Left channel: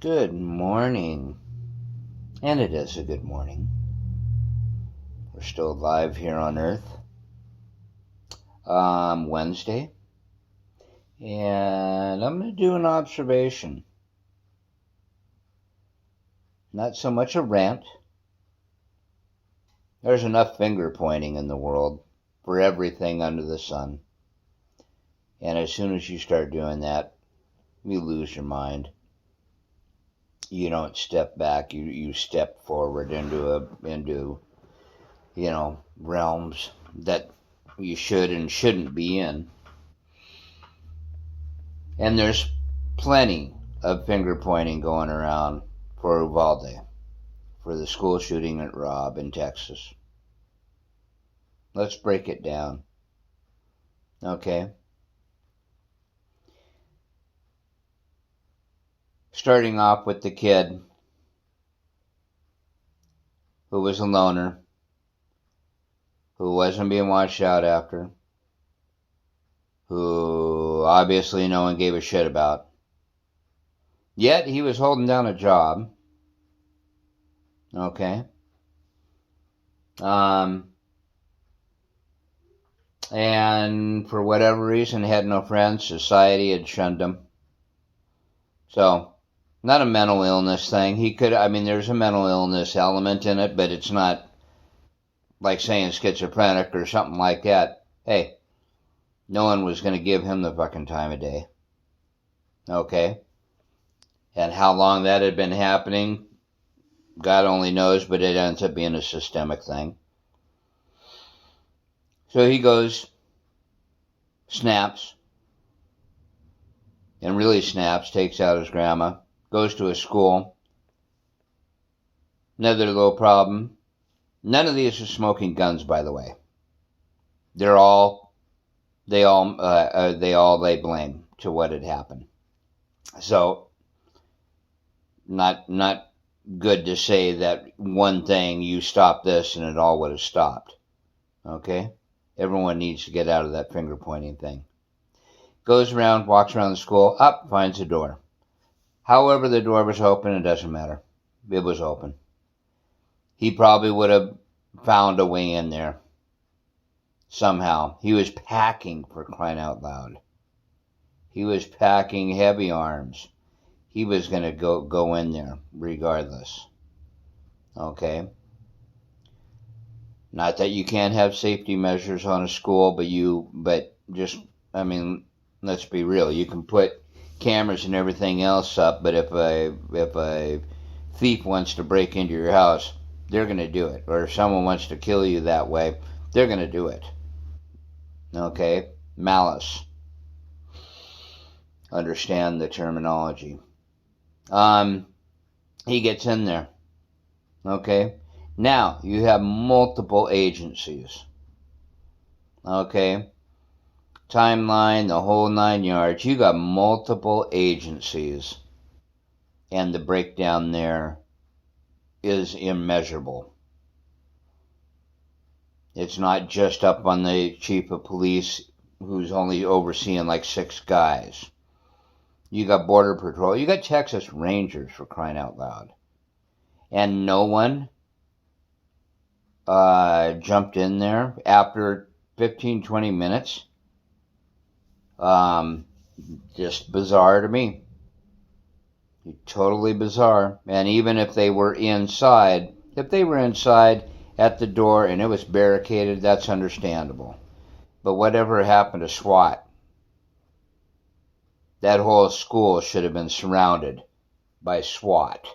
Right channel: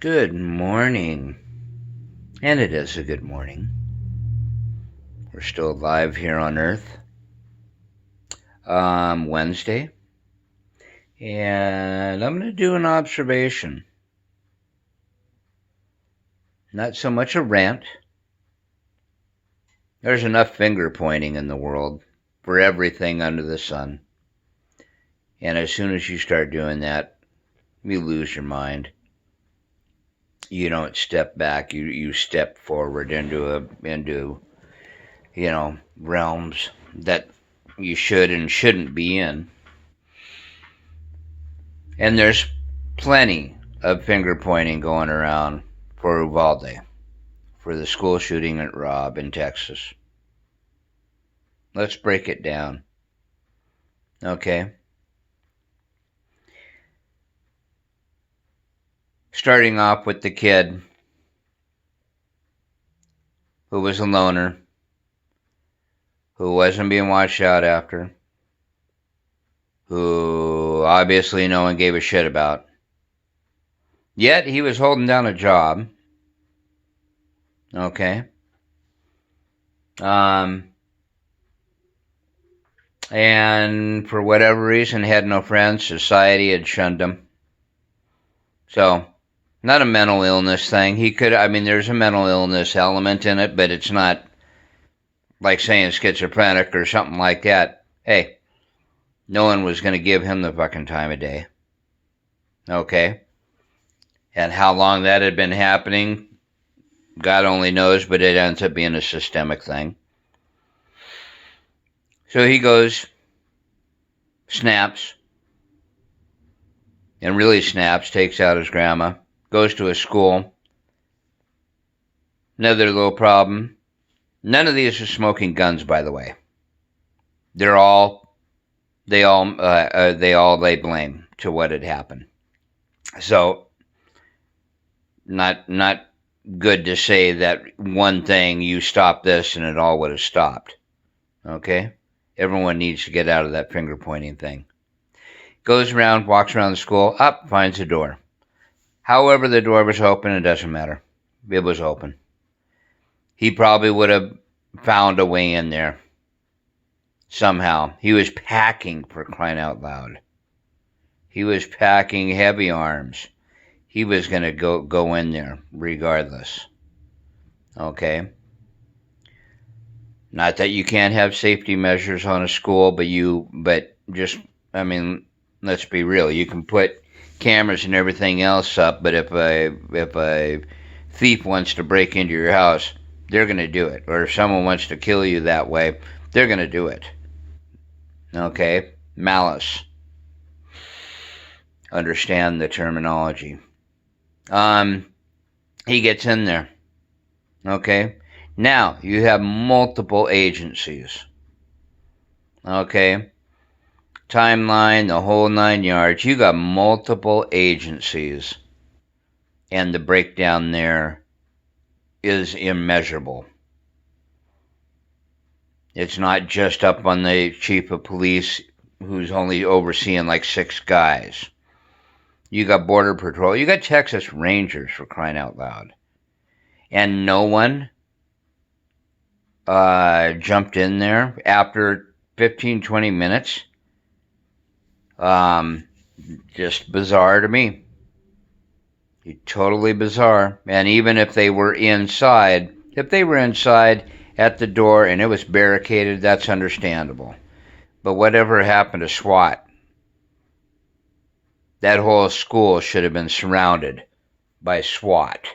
Good morning. And it is a good morning. We're still alive here on Earth. Wednesday. And I'm going to do an observation. Not so much a rant. There's enough finger pointing in the world for everything under the sun. And as soon as you start doing that, you lose your mind. You don't step back. You step forward into realms that you should and shouldn't be in. And there's plenty of finger pointing going around for Uvalde, for the school shooting at Robb in Texas. Let's break it down. Okay? Starting off with the kid who was a loner, who wasn't being watched out after, who obviously no one gave a shit about. Yet he was holding down a job. Okay? And for whatever reason had no friends. Society had shunned him. So, not a mental illness thing. There's a mental illness element in it, but it's not like saying schizophrenic or something like that. Hey, no one was going to give him the fucking time of day. Okay? And how long that had been happening, God only knows, but it ends up being a systemic thing. So he goes, snaps, and really snaps, takes out his grandma, goes to a school. Another little problem. None of these are smoking guns, by the way. They all lay blame to what had happened. So, not good to say that one thing, you stop this and it all would have stopped. Okay? Everyone needs to get out of that finger pointing thing. Goes around, walks around the school, finds a door. However, the door was open, it doesn't matter. It was open. He probably would have found a way in there. Somehow. He was packing, for crying out loud. He was packing heavy arms. He was going to go in there, regardless. Okay? Not that you can't have safety measures on a school, but let's be real. You can put cameras and everything else up, but if a thief wants to break into your house, they're going to do it. Or if someone wants to kill you that way, they're going to do it. Okay? Malice. Understand the terminology. He gets in there. Okay? Now, you have multiple agencies. Okay? Timeline, the whole 9 yards. You got multiple agencies. And the breakdown there is immeasurable. It's not just up on the chief of police who's only overseeing like 6 guys. You got Border Patrol. You got Texas Rangers, for crying out loud. And no one jumped in there after 15, 20 minutes. Just bizarre to me. Totally bizarre. And even if they were inside at the door and it was barricaded, that's understandable. But whatever happened to SWAT? That whole school should have been surrounded by SWAT.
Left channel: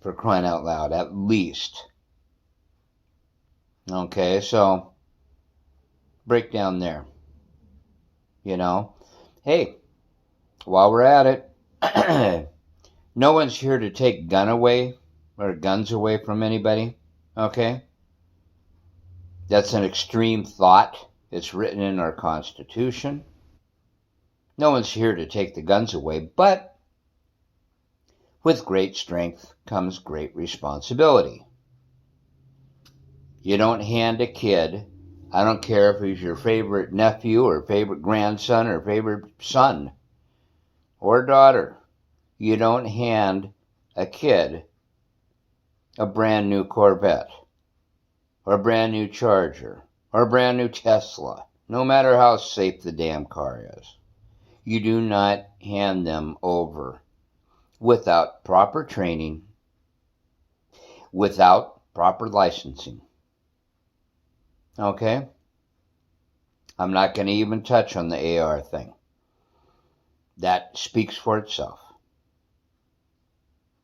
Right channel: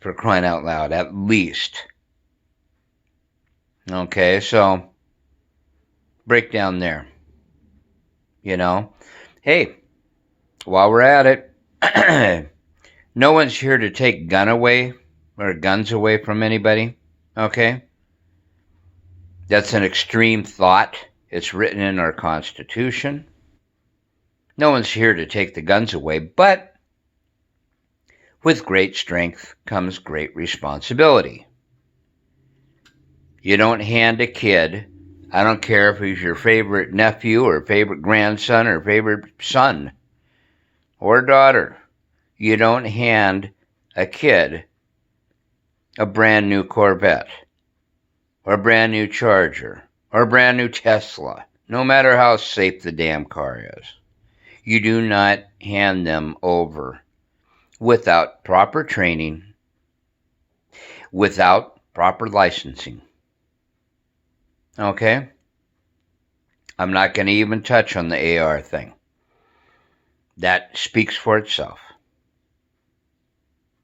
For crying out loud, at least. Okay, so breakdown there. Hey, while we're at it, no one's here to take guns away from anybody. Okay? That's an extreme thought. It's written in our Constitution. No one's here to take the guns away, but with great strength comes great responsibility. You don't hand a kid, I don't care if he's your favorite nephew or favorite grandson or favorite son or daughter, You don't hand a kid a brand new Corvette or a brand new Charger or a brand new Tesla, no matter how safe the damn car is. You do not hand them over without proper training, without proper licensing. Okay? I'm not going to even touch on the AR thing. That speaks for itself.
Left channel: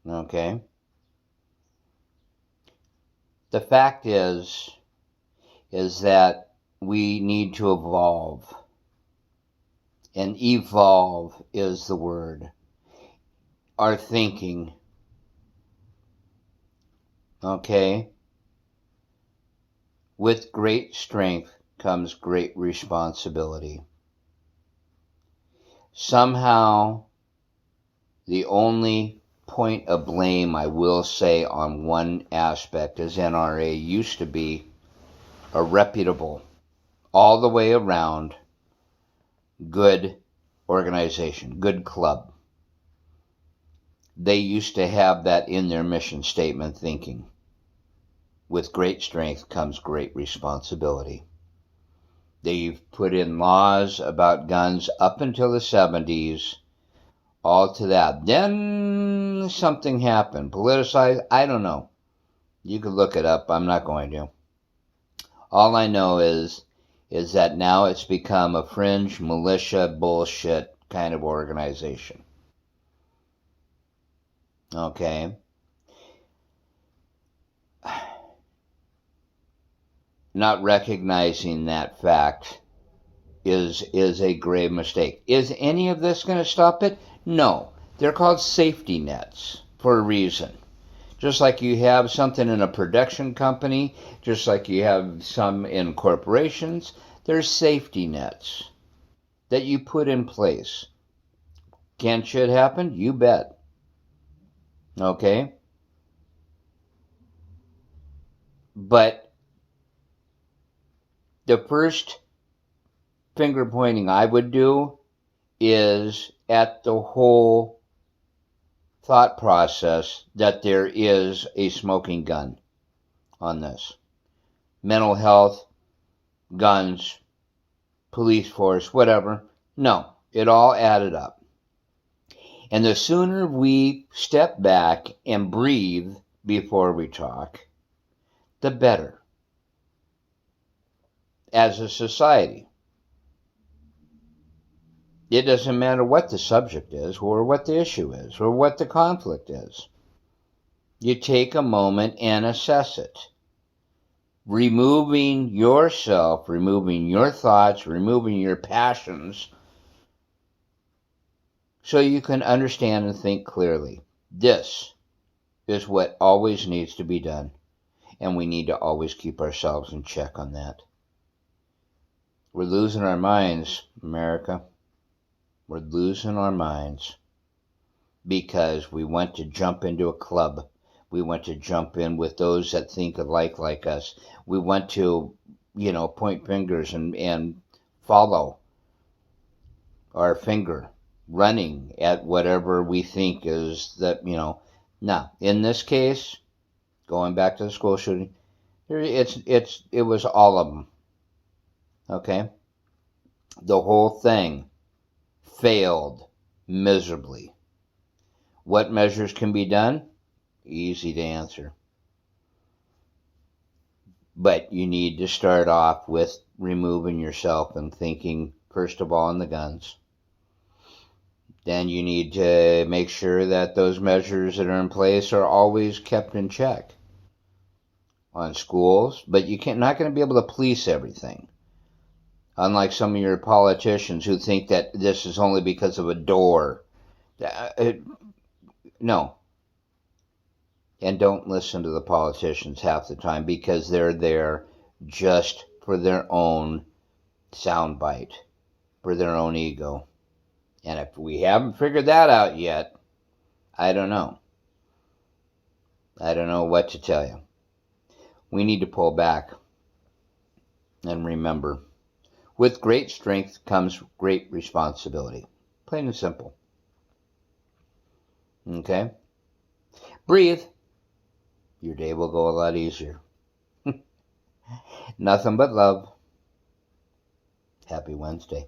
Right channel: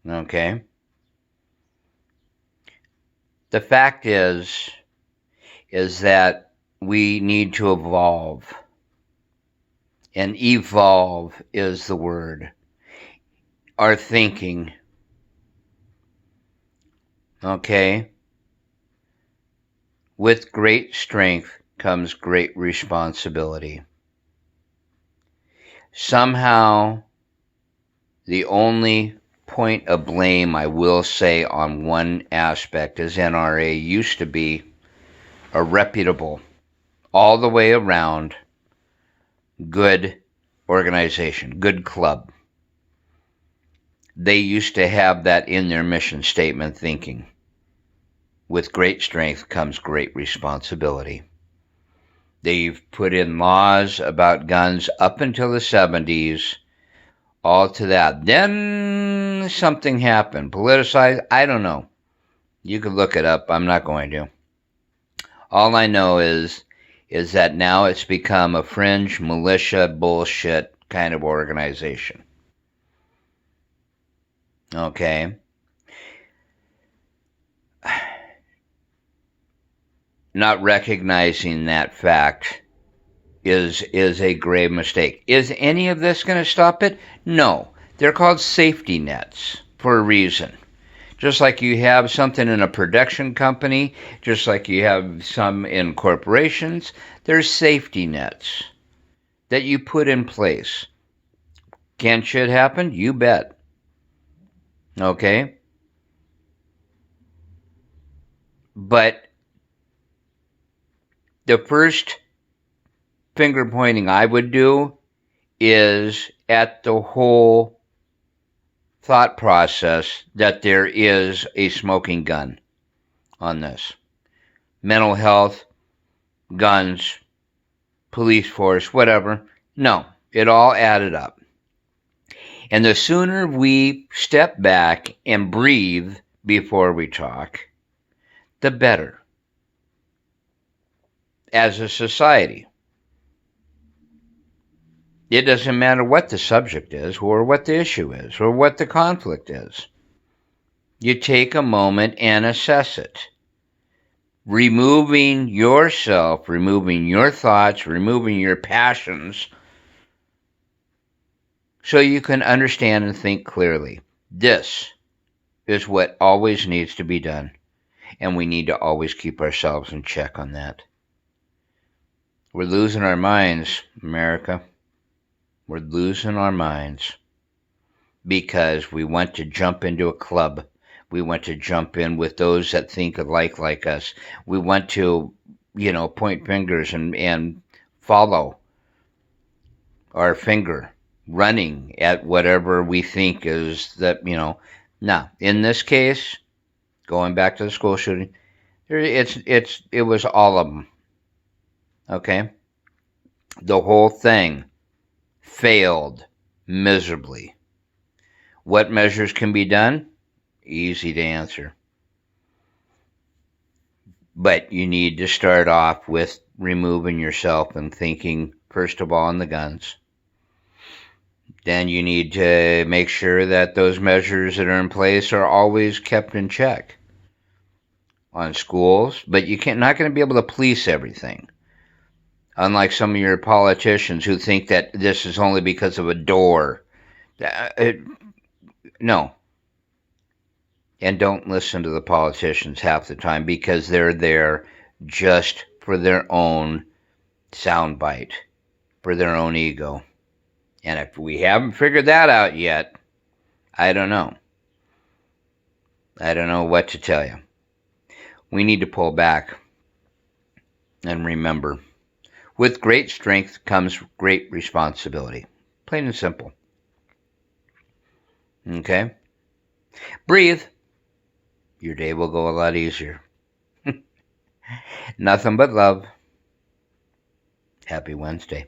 Okay? The fact is that we need to evolve. And evolve is the word. Our thinking. Okay? With great strength comes great responsibility. Somehow, the only point of blame I will say on one aspect is NRA used to be a reputable, all the way around, good organization, good club. They used to have that in their mission statement thinking. With great strength comes great responsibility. They've put in laws about guns up until the 70s, all to that. Then something happened. Politicized, I don't know. You could look it up. I'm not going to. All I know is that now it's become a fringe militia bullshit kind of organization. Okay? Not recognizing that fact is a grave mistake. Is any of this going to stop it? No. They're called safety nets for a reason. Just like you have something in a production company, just like you have some in corporations, there's safety nets that you put in place. Can shit happen? You bet. Okay? But the first finger pointing I would do is at the whole thought process that there is a smoking gun on this. Mental health, guns, police force, whatever. No, it all added up. And the sooner we step back and breathe before we talk, the better. As a society. It doesn't matter what the subject is, or what the issue is, or what the conflict is. You take a moment and assess it. Removing yourself, removing your thoughts, removing your passions, so you can understand and think clearly. This is what always needs to be done, and we need to always keep ourselves in check on that. We're losing our minds, America. We're losing our minds because we want to jump into a club. We want to jump in with those that think alike like us. We want to, point fingers and follow our finger, running at whatever we think is that, Now, in this case, going back to the school shooting, it was all of them. Okay? The whole thing failed miserably. What measures can be done? Easy to answer. But you need to start off with removing yourself and thinking, first of all, on the guns. Then you need to make sure that those measures that are in place are always kept in check on schools. But not going to be able to police everything. Unlike some of your politicians who think that this is only because of a door. No. And don't listen to the politicians half the time because they're there just for their own soundbite, for their own ego. And if we haven't figured that out yet, I don't know. I don't know what to tell you. We need to pull back and remember. With great strength comes great responsibility. Plain and simple. Okay? Breathe. Your day will go a lot easier. Nothing but love. Happy Wednesday.